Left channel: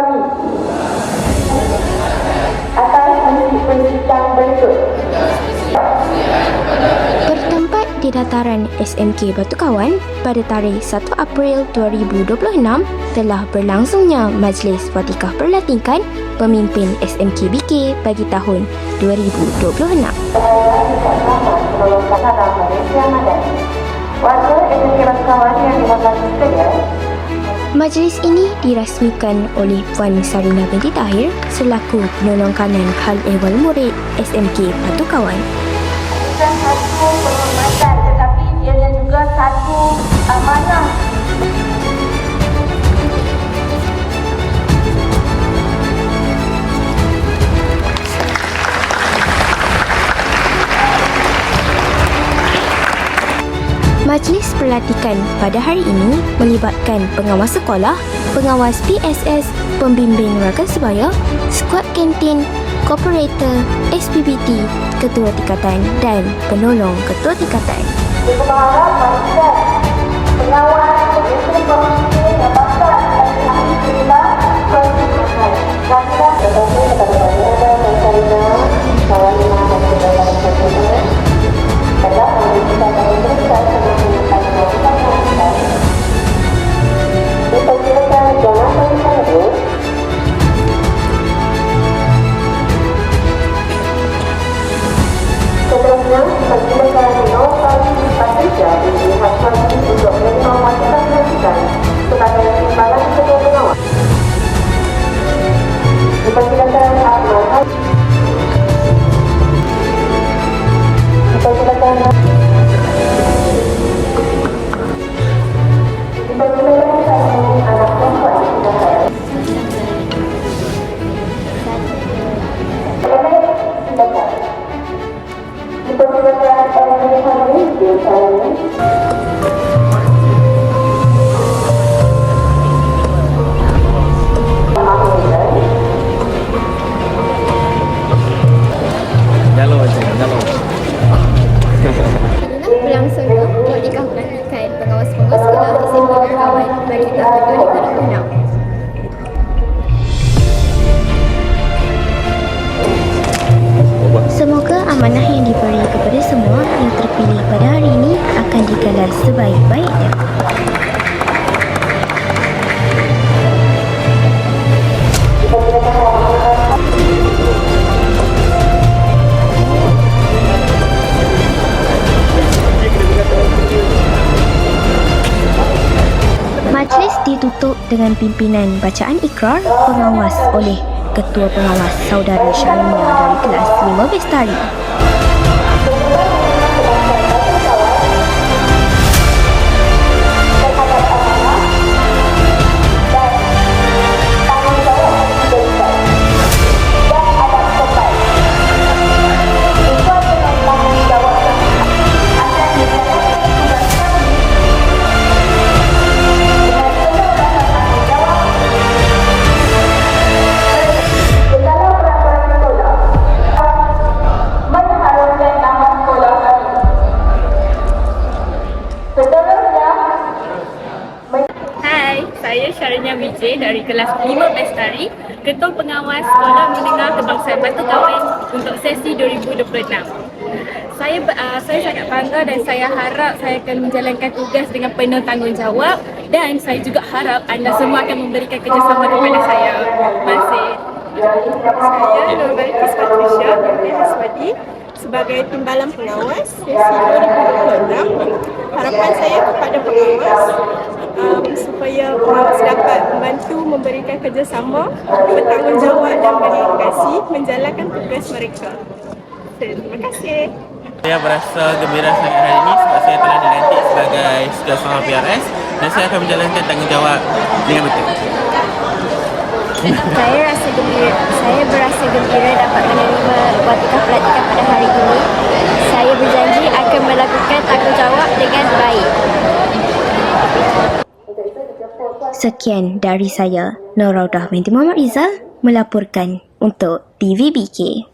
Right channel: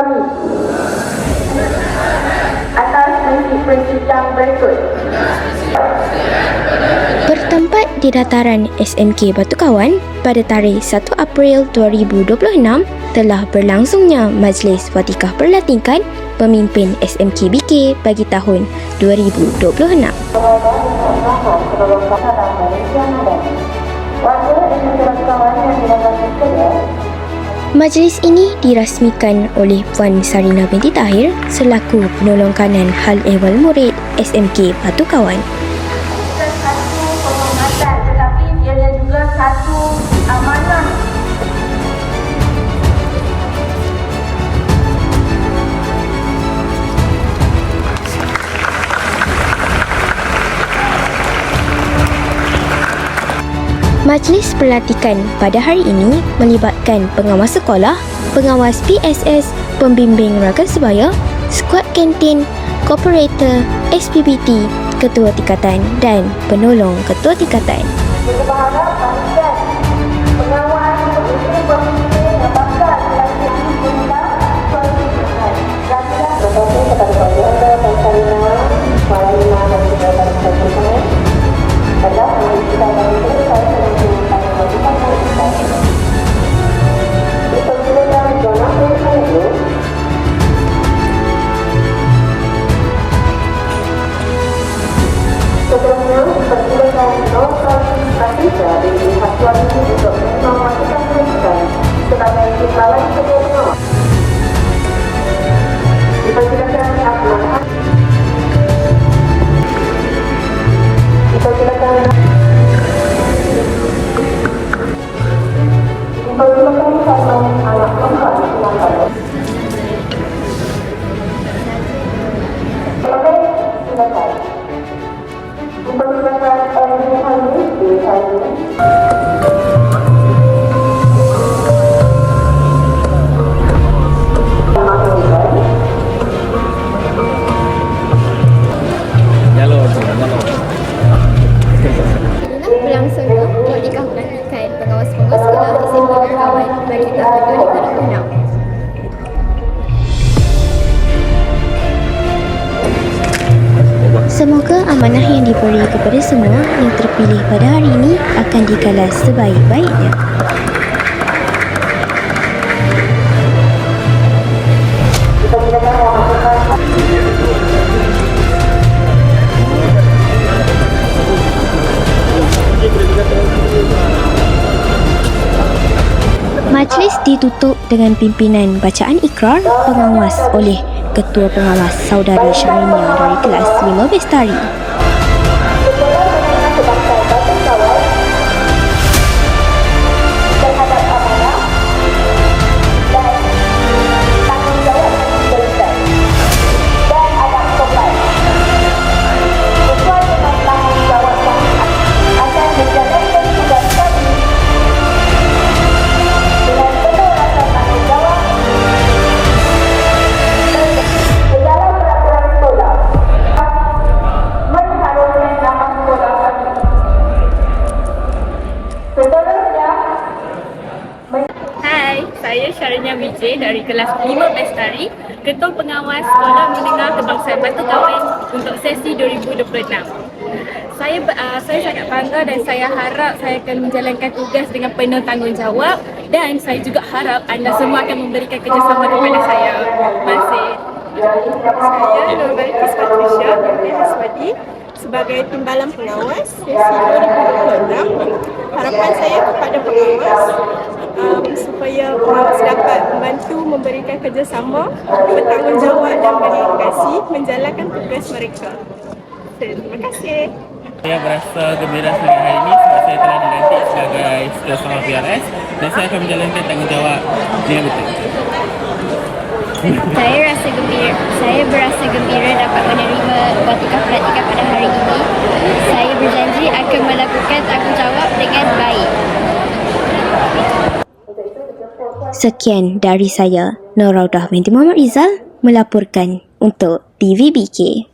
kami atas prinsip-prinsip yang berikut. Bertempat di dataran SMK Batu Kawan pada tarikh 1 April 2026 telah berlangsungnya Majlis Watikah Perlatikan Pemimpin SMK BK bagi tahun 2026. Majlis ini dirasmikan oleh Puan Sarina binti Tahir selaku penolong kanan hal ehwal murid SMK Batu Kawan. Bukan satu penghormatan, tetapi ianya juga satu amanah. Majlis Pelatikan pada hari ini melibatkan pengawas sekolah, pengawas PSS, pembimbing rakan sebaya, skuad kantin, kooperator, SPBT, ketua tingkatan dan penolong ketua tingkatan. Seterusnya, dipersilakan Nurul Patrisha binti Haswani untuk menerima wasiat pelatihan sebagai timbalan ketua pengawas. Dipersilakan Ahmad Haji. Dipersilakan satu anak perempuan pengantar. Berlangsungnya Watikah Pelatikan Pengawas-Pengawas Sekolah SMK Batu Kawan bagi tahun 2026. Semoga amanah yang diberi kepada semua yang terpilih pada hari ini akan digalas sebaik-baiknya. Majlis ditutup dengan pimpinan bacaan ikrar pengawas oleh Ketua Pengawas Saudari Syahrinia dari kelas 5 Bestari. Sekolah menengah kebangsaan Batu Kawan terhadap amanah dan tanggungjawab yang diberikan dan anak sekolah akan menjalankan tugas kami dengan penuh rasa tanggungjawab segala peraturan sekolah mengharumkan nama sekolah kami. Seterusnya, Hai, saya Syahrinia Vijay dari kelas 5 Bestari, Ketua Pengawas Sekolah Menengah Kebangsaan Batu Kawan untuk sesi 2026. Saya sangat bangga dan saya harap saya akan menjalankan tugas dengan penuh tanggungjawab dan saya juga harap anda semua akan memberikan kerjasama kepada saya. Terima kasih. Saya Nurul Patrisha binti Haswani sebagai timbalan pengawas sesi 2026. Harapan saya kepada pengawas supaya pengawas dapat membantu memberikan kerjasama, bertanggungjawab dan berdedikasi menjalankan tugas mereka. Terima kasih. Saya berasa gembira sangat hari ini sebab saya telah dilantik sebagai Setiausaha PRS dan saya akan menjalankan tanggungjawab dengan betul. Saya berasa gembira dapat menerima Watikah Pelatikan pada hari ini. Saya berjanji akan melakukan tanggungjawab dengan baik. Sekian dari saya, Nur Raudah binti Muhammad Rizal melaporkan untuk TVBK.